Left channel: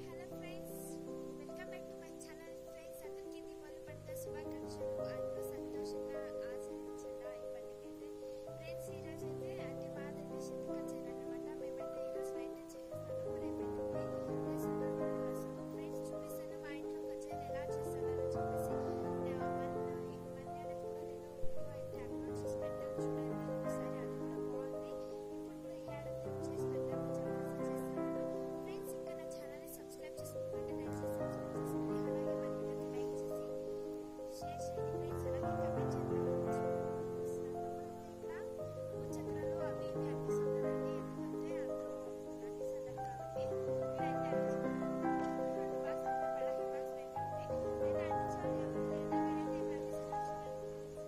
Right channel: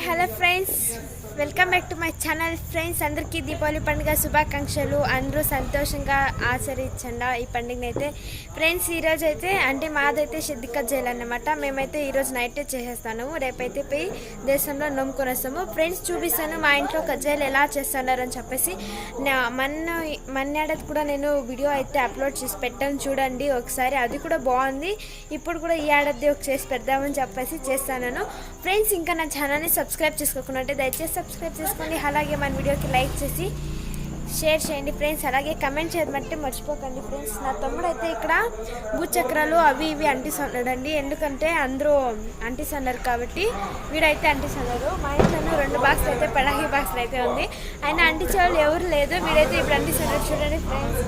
hello friends. Welcome back to my channel friends. అందరికీ దీపావళి పండుగ శుభాకాంక్షలు. అందరూ సంతోషంగా ఆచరించండి ఈ పండుగని అయితే. ఫ్రెండ్స్ ఈరోజు అయితే అంటే మాదైతే సిద్ధిక చేయాలన్నమాట. మేమైతే ఈరోజు నైట్ చేసేస్తాను. రేపైతే పోయి దేశంలో నమ్ముకొని వస్తాము. ఫ్రెండ్స్ చూపిస్తాను మా ఇంట్లో కజ్జాయిలు ఎలా చేస్తున్నారు అని చెప్పేసి. నా మొన్న మన్నేడది కూడా నేను వీడియో అయితే అప్లోడ్ చేసి పెట్టాను. చూడండి ఒకసారి. అది కూడా బాగుంది. ఇప్పుడు కూడా ఈ ఏడాది ఒక చేసి పెడదామని చెప్పేసి చేస్తాను ఫ్రెండ్స్ ఇంకా నా ఛానల్ని సబ్స్క్రైబ్ చేసుకోకుండా దయచేసి సబ్స్క్రైబ్ చేసుకోండి. అలాగే మన వీడియోకి లైక్ చేసి షేర్ చేయండి ఫ్రెండ్స్ అలాగే కమెంట్ చేయమంటే మర్చిపోకండి ఫ్రెండ్స్ నా తమ్ముడు అయితే ఇక్కడ భూచక్రాలు అవి ఇవి అంటిస్తున్నాడండి ఎందుకంటే అందరూ అంటిస్తున్నారు కాబట్టి వీడైతే అంటిస్తున్నారు మా ఇంట్లో రెండు బాక్స్ అయితే పడాహి బాక్స్లు అయితే ఉంది. ఆయన అంటించే వాళ్ళు ఎవరు లేదు. వీడైతే ఇప్పుడు అంటిస్తున్నారు చూడండి ఫ్రెండ్స్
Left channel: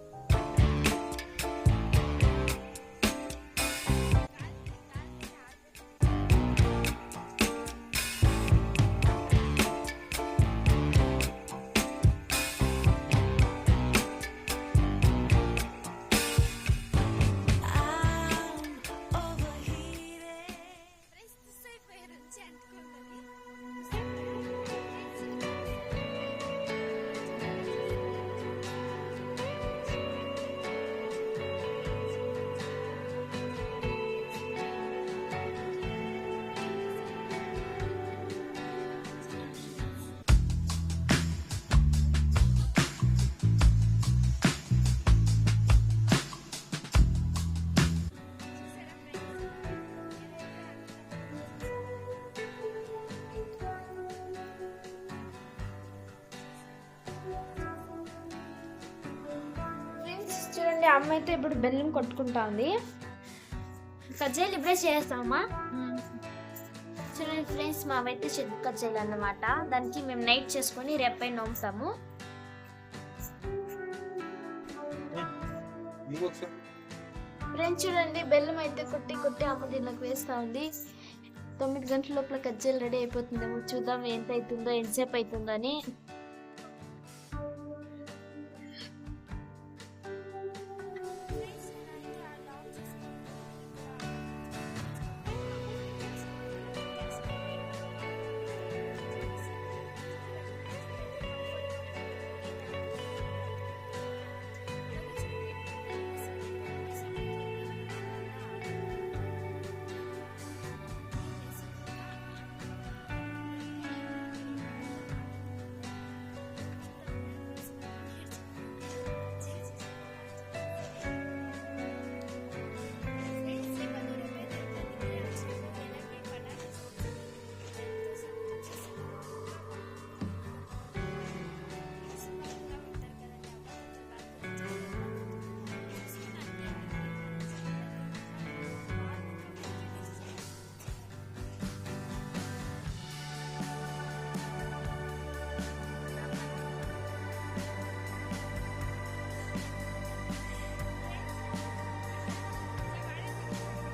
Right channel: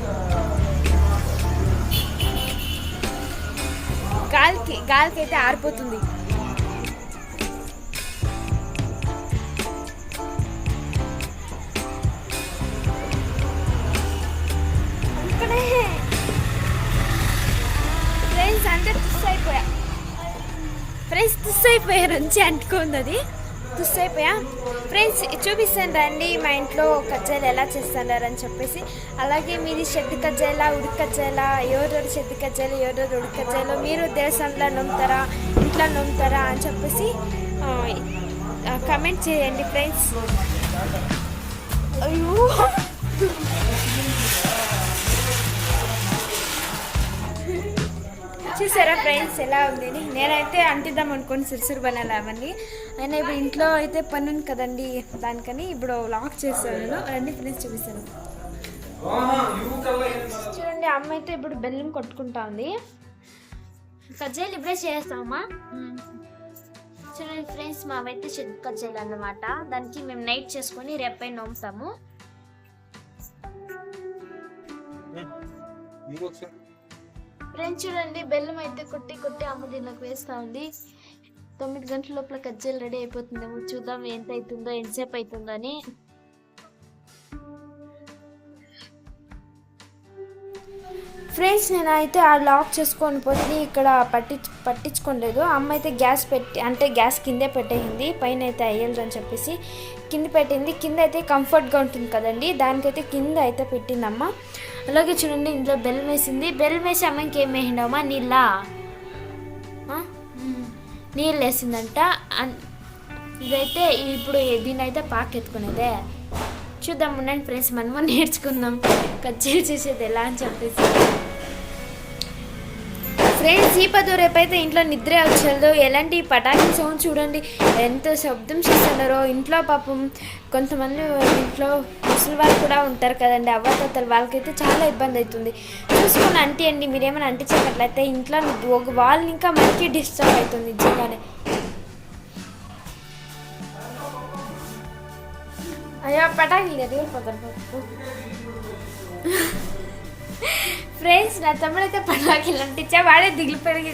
గాలికి గాలికి అయితే ఆరిపోతుంది. ఫ్రెండ్స్ తుస్ నుంచి అంటుకుంది అది. తుస్ అయిపోయా ఫ్రెండ్స్ చూపిస్తాను రండి మా ఇంట్లో కజ్జాయిలు ఎలా చేస్తున్నారు అని చెప్పేసి. అలాగే మీది షెడ్ కజ్జాయిలా ఉడికి కజ్జాయిలా ఎవరెవరు షెడ్ కజ్జాయిలు ఎవరెవరు ఉడికి కజ్జాయిలు మీరు దేశంలో నమ్ముతారా ఇంట్లో నమ్ముతారా అని చెప్పేసి కమెంట్ చేయండి ఫ్రెండ్స్ అయ్యో! చూసారా ఫ్రెండ్స్ ఎలా ఉందని? నేనైతే అంటిద్దాం అనుకోని సిరిసిరి బనాలు అవన్నీ. అయినా ఇప్పుడు ఇంట్లో అయితే పని ఉంది కదండి దానికని ఇప్పుడు లాక్ చేస్తాను నేను రండి ఫ్రెండ్స్ చూపిస్తాను. చూడండి అమ్మ అయితే ఇప్పుడు బెల్లం కొట్టుకుంటా ఉంది కజ్జాయిలు ఇప్పుడే చేస్తామా? చూడండి ఫ్రెండ్స్ మావైతే చెట్టు కజ్జాయిలు అన్నమాట. దానికి మేము నైట్ చేసుకొని రేపై నోముతాము. ఇంకొకసారి. ఫ్రెండ్స్ చూడండి బెల్లం అయితే కుట్టి కుట్టి అమ్మ దీనిలోకి వేస్తూ ఉంది. తొమ్మిది గంటల లోపల కజ్జలు రెడీ అయిపోతుందేమో చూద్దాం ఎంత అవుతుందో ఎంతసేపు అవుతుందో అని. ఫ్రెండ్స్ నేనైతే ఆ లాక్ చేసుకొని పోతే ఇక్కడ పట్టి పట్టించుకోలేదు. అమ్మ అయితే గ్యాస్ పెట్టి అంటే గ్యాస్ కిందే పెట్టేసింది. పైన అయితే అయ్యలేదు అని చెప్పేసి కింద పెట్టింది. కింద అయితే కంఫర్ట్గా ఉంటుంది కదండి. దానికైతే కింద అయితే పెట్టింది అమ్మ. అలాగే చూడండి ఇందులో బెల్లం వేసింది. బెల్లం వేసి అమ్మకి ఏం వేసిండమ్మా? నీళ్ళ? నీళ్ళు వేసిందంట. ఇదైతే ఇప్పుడు దీని అయితే పాకెత్తుకునేదే చూద్దాం ఉండండి ఫ్రెండ్స్ మనము నేర్చుకుందాం. కచ్చేరి చేసేది ఎలా అని చెప్పేసి. ఫ్రెండ్స్ ఈ పదో రేపైతే ఇంట్లో నిద్ర వచ్చేదో ఎలాంటి పటాకి సౌండ్ చూడండి. ఎంత శబ్దం చేస్తున్నారో. ఇంట్లో పాపం కొంతమంది ఇంట్లో ముసలి వాళ్ళు కూడా ఉంటారు కదండి. అవ్వతాతలు వాళ్ళకైతే చాలా ఇబ్బంది అవుతుంది. చూసుకొని అంటే అండి. మీరేమైనా అంటించినట్లయితే ఇంట్లో ఒక వాళ్ళని ఇంకా మనకి డిస్టర్బ్ అవుతుంది నిజంగానే. అయ్యో పటాకి లేదు ఫ్రెండ్స్ నా తమ్ముడు అయితే పటాకి వాడే దిగులు పెరిగి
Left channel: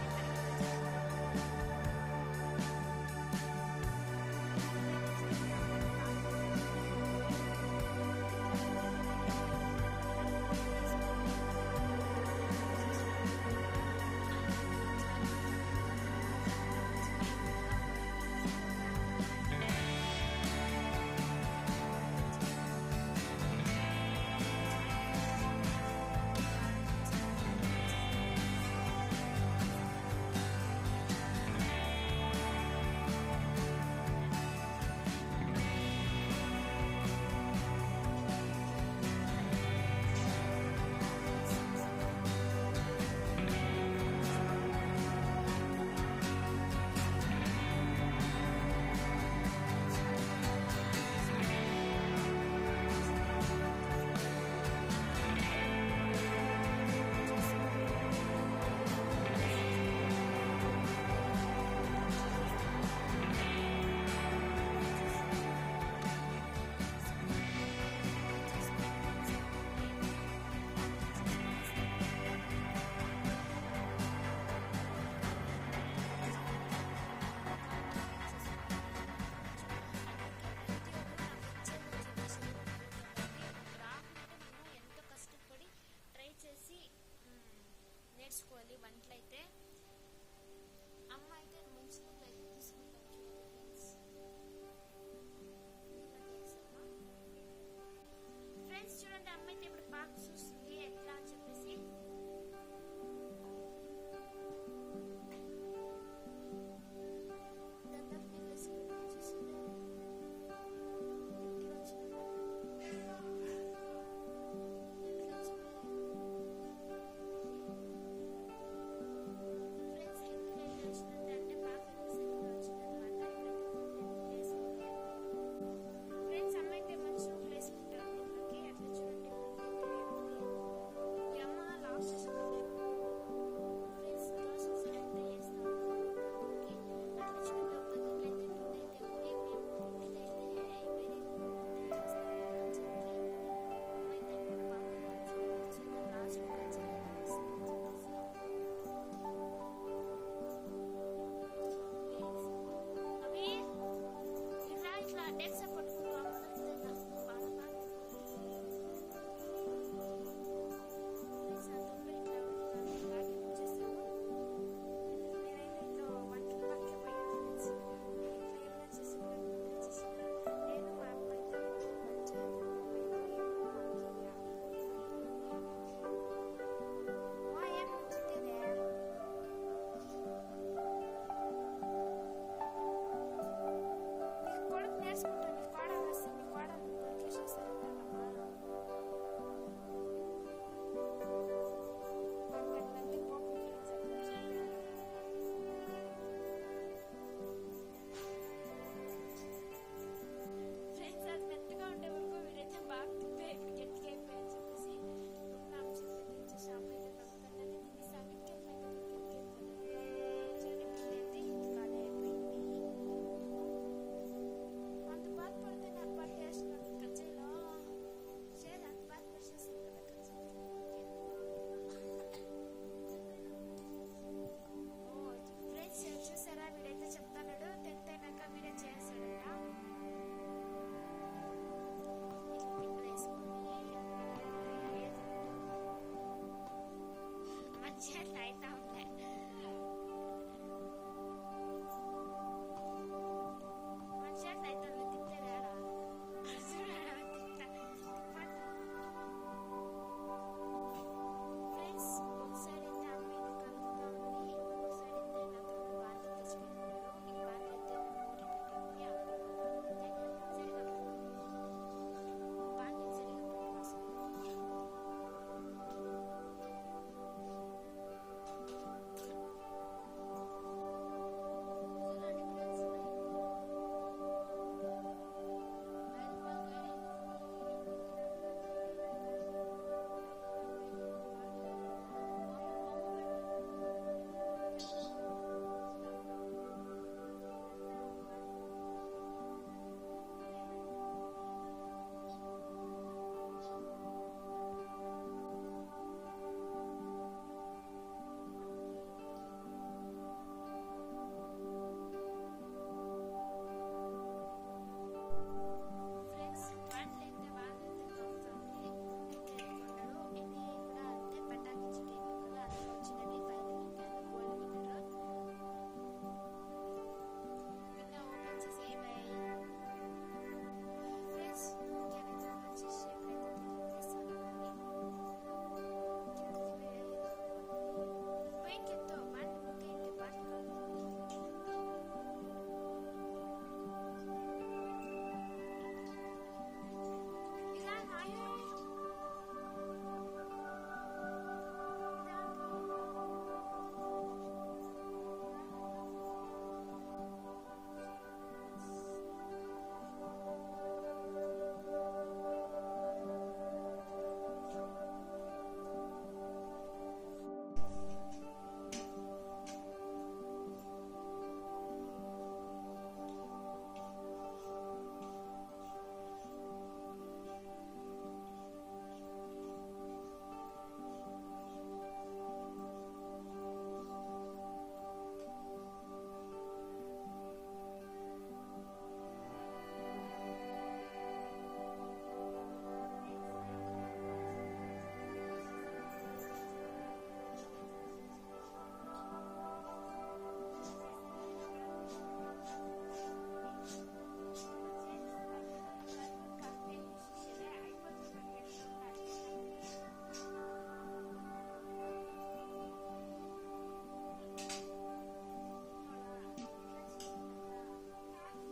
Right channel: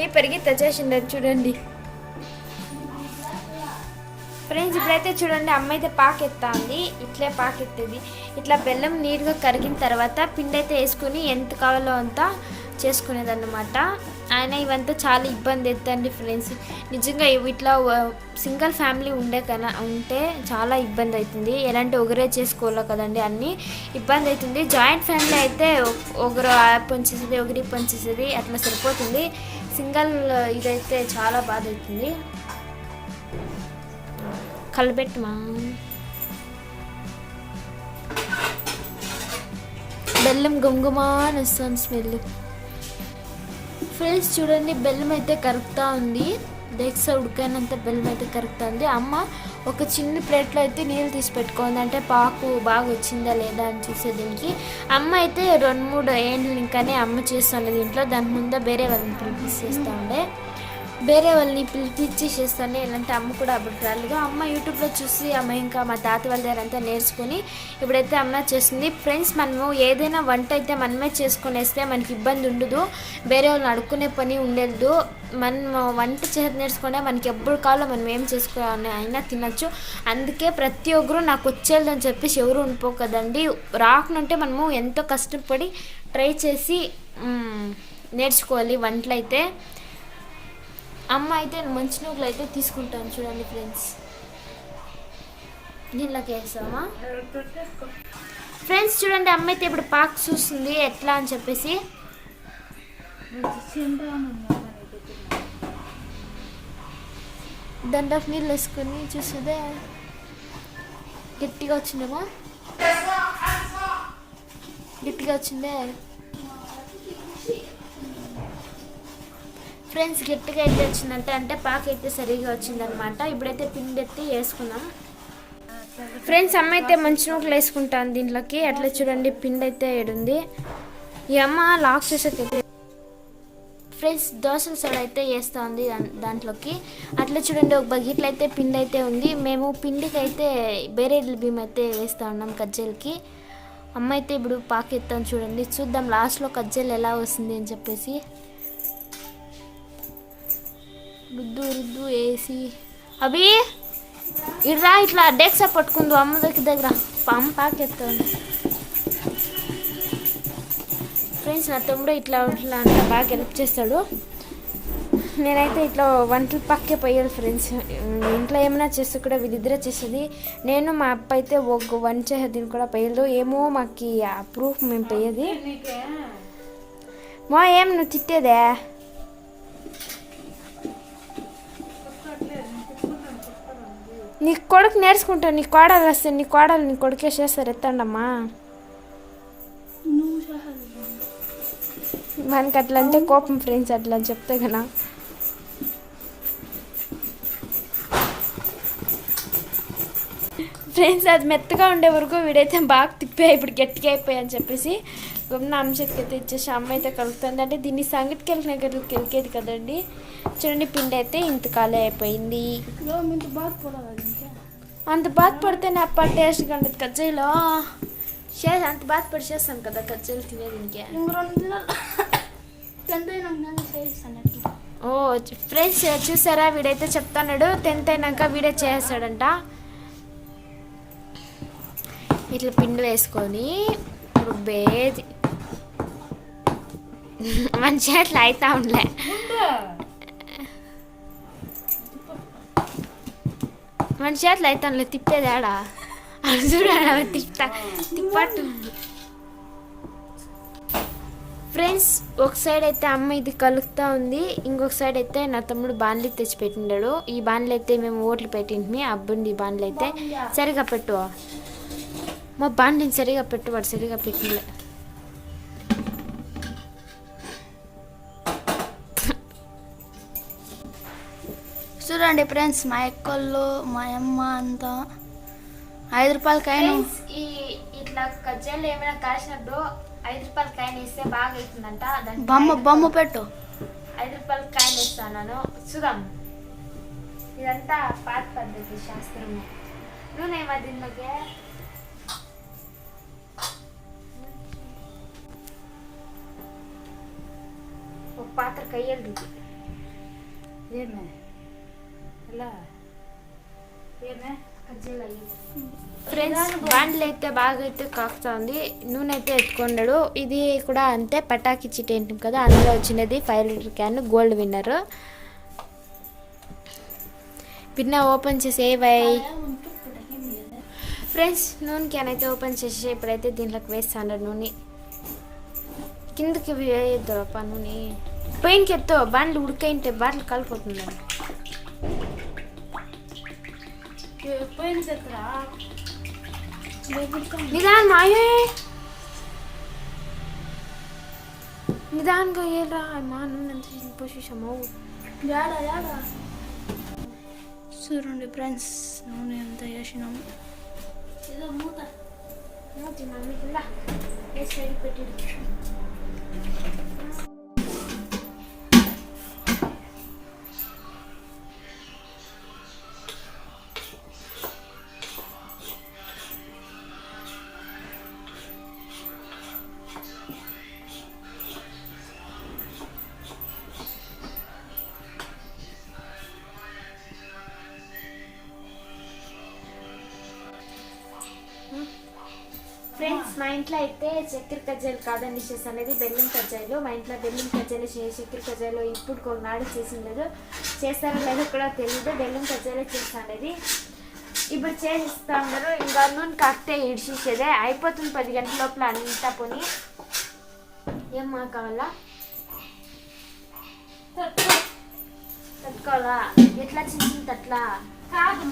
ఏ పెరిగి తెచ్చేసిండు చూడండి. ఫ్రెండ్స్ ఇప్పుడైతే చూడండి అమ్మ అయితే పాకెత్తా ఉంది ఇట్లే పాకెత్తేది. ఇట్లా బెల్లం నీట్గా కరిగిన తర్వాత పిండి అయితే వేసుకుని ఎంత కావాలో అంతా చేసుకునేది అన్నమాట ఆయన ఇవంతా చాలా ఇబ్బంది ఎత్తండి ఫ్రెండ్స్ నిజంగా ఇట్లా సింగిల్ ఫ్యామిలీ ఉండే కదా ఉంటే చాలా ఇబ్బంది అవుతుంది ఎలాంటి ఒకరే చేసుకోవాలో కదండి అన్నీ ఇబ్బంది అవుతుంది జాయింట్ ఫ్యామిలీ అయితే ఒకరు పంచేసేది ఒకరి పంచేసేది అట్లా సరిపోతుంది. సింగిల్ ఇదైతే చాలా బాధ అవుతుంది కలబెట్టమా బెల్లం గుమ్గుమా అని వస్తుంది స్మెల్. ఫ్రెండ్స్ చూడండి బెల్లం అయితే కరుగుతూ ఉంది. డెక్స్ ఉడికైనంత బెల్లం అయితే కరుగుతూ ఉంది. అమ్మ ఒక చిన్న ప్లేట్లో అయితే నీళ్ళు తీసి పెట్టుకుంది. అంటే పాకు బాగా వచ్చిందా లేదా అని చూసే దీనికి అమ్మ అయితే రెండు మూడు ఏండ్లు ఇంకానే అమ్మ చేస్తుండే దీంట్లో. దాని ముందే వేరే వాళ్ళని ప్రిపేర్ చేస్తుండే వేరే వాళ్ళని పిలిపించి చేస్తాను ఇలాంటి అమ్మ కూడా అప్పుడు రాలేదు అమ్మ యూట్యూబ్లో చూసి అమ్మ ఇంకా మా తాత వాళ్ళ దగ్గర అంతా నేర్చుకుని ఇప్పుడైతే అమ్మ చేస్తుంది. ఫ్రెండ్స్ మనము ఏదైనా వంట అయితే మనమే చేసుకునేస్తే మనకి ఇబ్బంది ఉండదు. వేరే వాళ్ళని అడుక్కునే పని ఉండదు. మనం వంట చేసి నేర్చుకుంటే మనకి ఎప్పుడు కావాలో మనం ఏం చేసుకోవాలని అయినా తినచ్చు. అందుకే ప్రతి ఒక్కరు నాకు వచ్చేదని చెప్పేసి ఎవరు ఉండిపో కదండి రాకునంటే మనము ఎంతో కష్టపడి ట్రై చేసి నేర్చుకోవాలి వంటలు అయితే అమ్మ అయితే మంచి నూకలు అయితే తీసుకుంటాను చూడండి ఫ్రెండ్స్. దీనిలోకి వేస్తామా ఫ్రెండ్స్ చూడండి అమ్మ అయితే ఇప్పుడు పాక్ చూస్తుంది ఎట్లా అని చెప్పేసి. దండఫ్ నీళ్ళు వేసుకొని చూస్తుందే. గట్టిగా వచ్చిందేమో? గట్టిగా వచ్చిందే. ఫ్రెండ్స్ గట్టిగా అయితే వచ్చిందంటే అంటే పాక అయితే సరిగా వచ్చిందనమాట. ఇప్పుడైతే పిండి ఎత్తి వేసుకున్నాం ఫ్రెండ్స్ అమ్మ అయితే మంచి నూకలు వేసుకుంటాను దీంట్లోకి. అట్లా చూడండి పిండి అయితే ఏడుంది. ఈ అమ్మ లాక్ చేసేది ఫ్రెండ్స్ దోశల సోడ అయితే వేస్తూ ఉంది దాంట్లోకి. అట్లా చూడండి ఒక బకెట్లో అయితే పిండి అయితే ఉంది. మేము పిండికి అయితే బేరేడ్ల బియ్యం అయితే వేస్తూ ఉన్నాం కజ్జలకి. అమ్మ అయితే ఇప్పుడు పాకెత్తాం చూడండి. చూద్దాం లాస్ట్లో కజ్జలు ఎలా వస్తుంది అని చెప్పేసి. రుద్దు రుద్దు వేసి అవి ఇట్రా ఇట్లా డెక్సా పట్టుకుందు అమ్మ దగ్గర దగ్గర. అమ్మ పాకెత్తాను ఫ్రెండ్స్ నా తమ్ముడు ఇట్లా ఇట్లా అంతా బాగా హెల్ప్ చేస్తాడు. నేనైతే ఇట్లా వంటలు పక్కే పోయాడు ఫ్రెండ్స్ ఇంట్లో ఏమైనా చేస్తే కూడా వీళ్ళిద్దరే చేసేది. నేను మా అప్ప అయితే ఒక వంట చేసేది కూడా పోయలేదు ఏమో మాకు ఆ ప్రూఫ్ మేము పోయేది. మా ఏం నువ్వు తిట్టేదే? నీ కొడుకు నేర్చుకుంటావు నీ కోడలు వస్తే నీ కోడలు నీ కొడుకే చేస్తారు ఎత్తండమ్మా. మనకి అట్లా అంటే కోపం ఫ్రెండ్స్ అట్లా అని చెప్తే కదా. ఫ్రెండ్స్ అది మెత్తగా ఉండే వరకు వీడైతే బాగా తిప్పా ఇప్పుడు గట్టిగా అయిపోయా అని చెప్పేసి గమ్మున అంశకి అయితే ఇచ్చేసి అమ్మ అయితే కలుగుతుంది అంటే దీన్ని సంగటికి వెళ్ళిన గదికి వెళ్ళేది కదండి? చూడండి పిండి అయితే ఇంత ఖాళీ అయిపోయింది. అంత బాధపడితే నా అప్ప టేస్ట్ కంటది కజ్జాయిలో చే అంత బాధపడి చేస్తాను కదా కజ్జాయిలు తినేది ఇంకే. ఓ ఫ్రెండ్స్ చూసారా? వీడైతే చెప్తాడు టెన్త్ అయినాక వీడే చేస్తాడంట. ఇట్లా పిండి వేసుకొని రుబ్బేది. మంచిగా అట్లా అవుతా ఉండలే మంచిగా అట్లా అవుతా ఉండలే తిప్పేదాడా అది చూడాలి తిప్పా తిప్పట్టు ఫ్రెండ్స్ ఒక సైడ్ అయితే అమ్మ ఇది కలుగుతూ ఉంది. ఇంకొక సైడ్ అయితే నా తమ్ముడు బాండ్లు తెచ్చి పెట్టిండాడు. ఈ బాండ్లు అయితే మేము ఓట్లు పెట్టింటిమి అబ్బుండి ఈ బాండ్లు అయితే సరిగా పెట్టు. మా బాండ్ని సరిగా పెట్టు వాడు సరిగా పెట్టిండే. చూడండి ఫ్రెండ్స్ మా ఎక్కళ్ళు మా అమ్మ అంతా. ఐదు రూపాయల కాయను ఈ ఇట్లా కజ్జాలు ఏమైనా కాసినప్పుడు ఐదు రూపాయల కాయన ఇస్తే బాగా అవుతుందంట బొమ్మ బొమ్మ పెట్టు. ఐదు రూపాయల కాయన ఇస్తాను చూద్దాం ఇదంతా పాత పద్ధతి శాస్త్రం నూనె దీనిలోకి ఒక పాత్ర కయ్యలు ఫ్రెండ్స్ బాండ్లు అయితే బాగా అయితే కాకుతుంది నూనె అయితే ఎత్తుకున్నాడు ఇది కూడా అంతే పటాకి చిట్ ఏంటి కదా అందులో వచ్చినది five litre can gold winner. పిన్న ఓపెన్ చేసే వై ఫ్రెండ్స్ నూనె క్యాన్ అయితే ఓపెన్ చేసి ఇప్పుడైతే దీంట్లోకి వేస్తాను నూనె. కిందకి వేయద్దురప్ప నూనె. పైనకి ఎత్తో బాండ్లు ఉడికైంటే బాట్లు కలిపోతుంది నిదాన్ మాయే నిదాన్గా ఏరా మా నూనె పోసేసాము చూడండి ఫ్రెండ్స్ నూనె ఎంత వేసినాము ఫ్రెండ్స్ మా ఇంట్లో అయితే చక్కెర కజ్జాయలు కాదని డిషెస్ అనేది బెల్లం కజ్జాయలు. మా ఇంట్లో బెల్లం కజ్జాయలు చక్కెర కజ్జాయలు ఇప్పుడు కొన్నాడు చేసిండదు చేస్తారో లేదో కూడా తెలియదు బెల్లం కజ్జాయలు చేస్తాండేది ఇప్పుడు చేసిస్తా ఉన్నారు. ఇంకా నూనె కాస్తే ఇడిచేసేదే. అయిపోతుంది పది గంటల లోపల అంతా పోని. ఏం మా కావాలా? తట్టుకోవాలా? ఎట్లా చేసింది అట్లా కాదు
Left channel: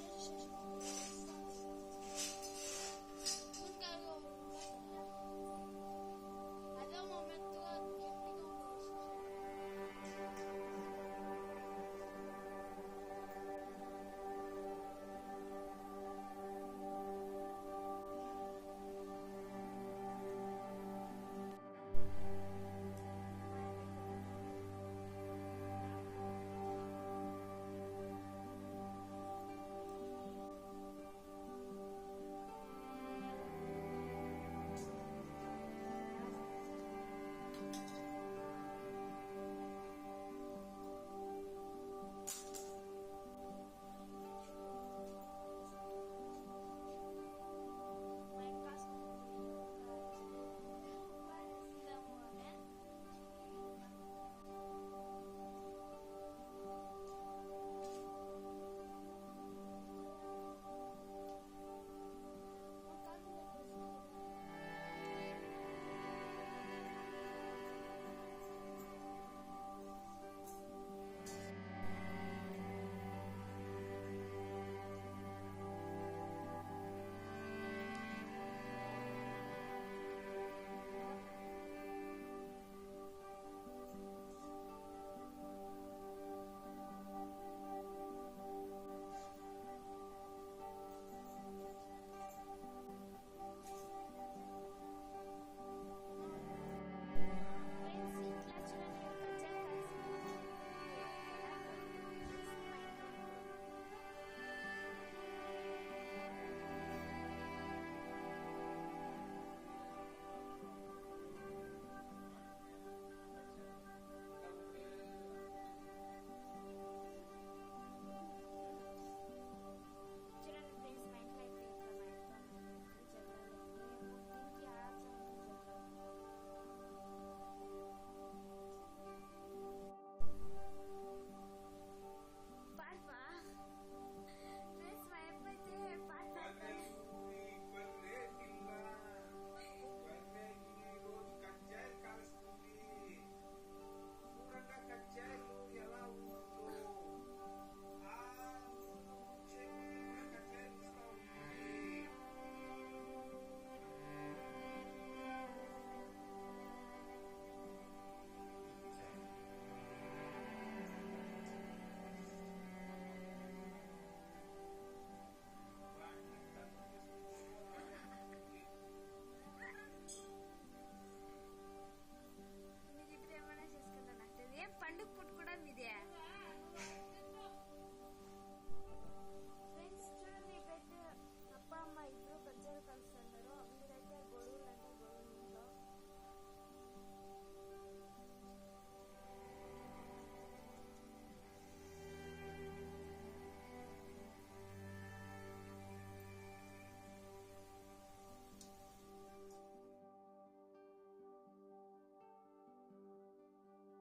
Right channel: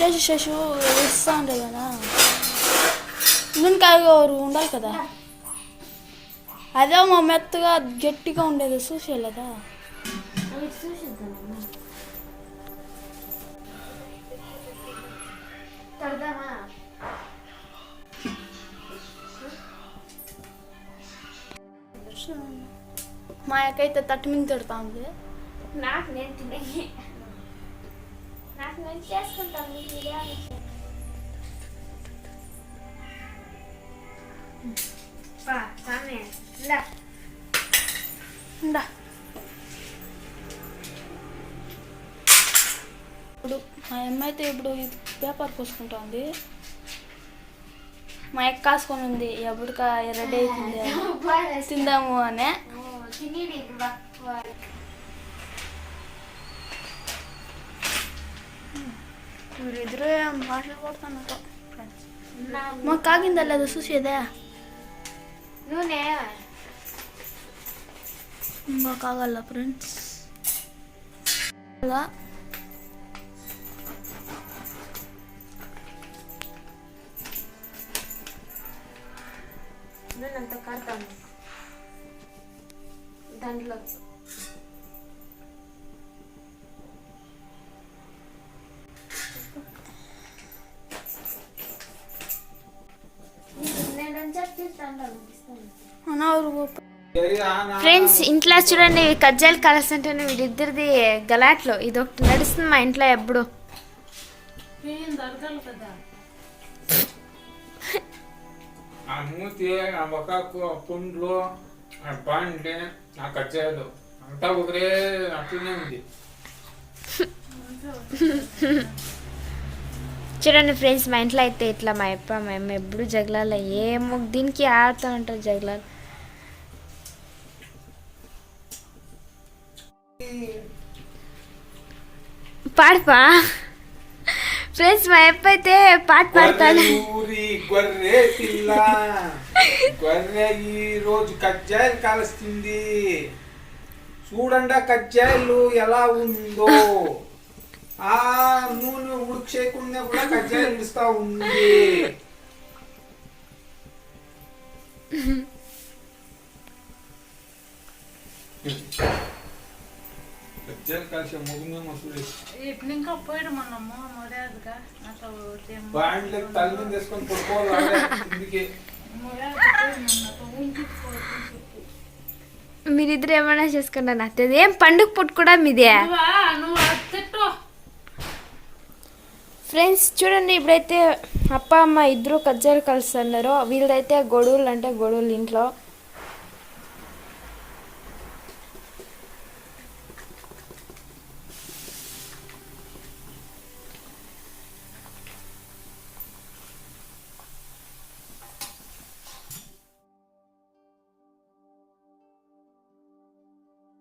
శశు శశు ఇస్తా ఉండే కదా నూనెకాయ ఉండాలి కదా. అదే మా మెత్తగా గట్టిగా ఉండేది చూసేలేదా మా యొక్క అయితే మా తట్టు మీద తిడతా ఉంది నాకు నేను తినే ఇందా. ఉండా. ఇప్పుడు మా అమ్మ అయితే ఇప్పుడు ఇది పేపర్ పూసుకుంటా ఉంది మా అక్క కాసుకొని ఉంది ఎప్పటికా రెడీ అవుతుంది? తిందాము అని. ఓ, కాగిందా లేదా చూసేదా నూనె ఇంకా కాగల ఫ్రెండ్స్ అలా నూనె అంతా కడతాను దాంట్లో ఫ్రెండ్స్ ఇంట్లో చూడండి కజ్జాలు కలసంటే వీళ్ళిద్దరిది గలాట్లో. ఇది ఒకటి నడుస్తుంది మా ఇంట్లో ఎప్పుడు. ఆ మూతి ఆ మొక్కకు ఆ పుండ్లు ఆ పాండ్లి ఆ కచ్చాయలు అంతా ఒకరే అట్లనే ఉంది. చూడండి ఫ్రెండ్స్ మా ఇంట్లో అయితే ఇట్లా మా అప్ప మా అమ్మ ఎప్పుడు జగలాల ఏమో దీనికి ఆడుతూ ఉంటారు జగలాలు. పాడపా ఫ్రెండ్స్ మా ఎప్పుడైతే అయితే పాట పాడతాను గొర్రె పిల్ల. గొర్రె ఈ రోజు కజ్జాయలు కాలుస్తుంది. చూడండి ఆ కజ్జాయలు ఎలా ఉందో. ఆ నూనె ఉడుకు చేయకుండా కూడా కజ్జాయలు ఇస్తా ఉంది. ఇంకా పోయడం నాకు పడుకోవాలి? కిందికి మీరిద్దరు ఏమైనా నాకు తెలియదు ఏం పండుగ పుట్టు కూడా మీదే? ఫ్రెండ్స్ చూడండి ఇప్పుడైతే అప్ప అమ్మ ఇద్దరు కజ్జాలు కలుస్తున్నారు. వీళ్ళదైతే గొడవలు అంటే గొడవలు ఇంట్లో.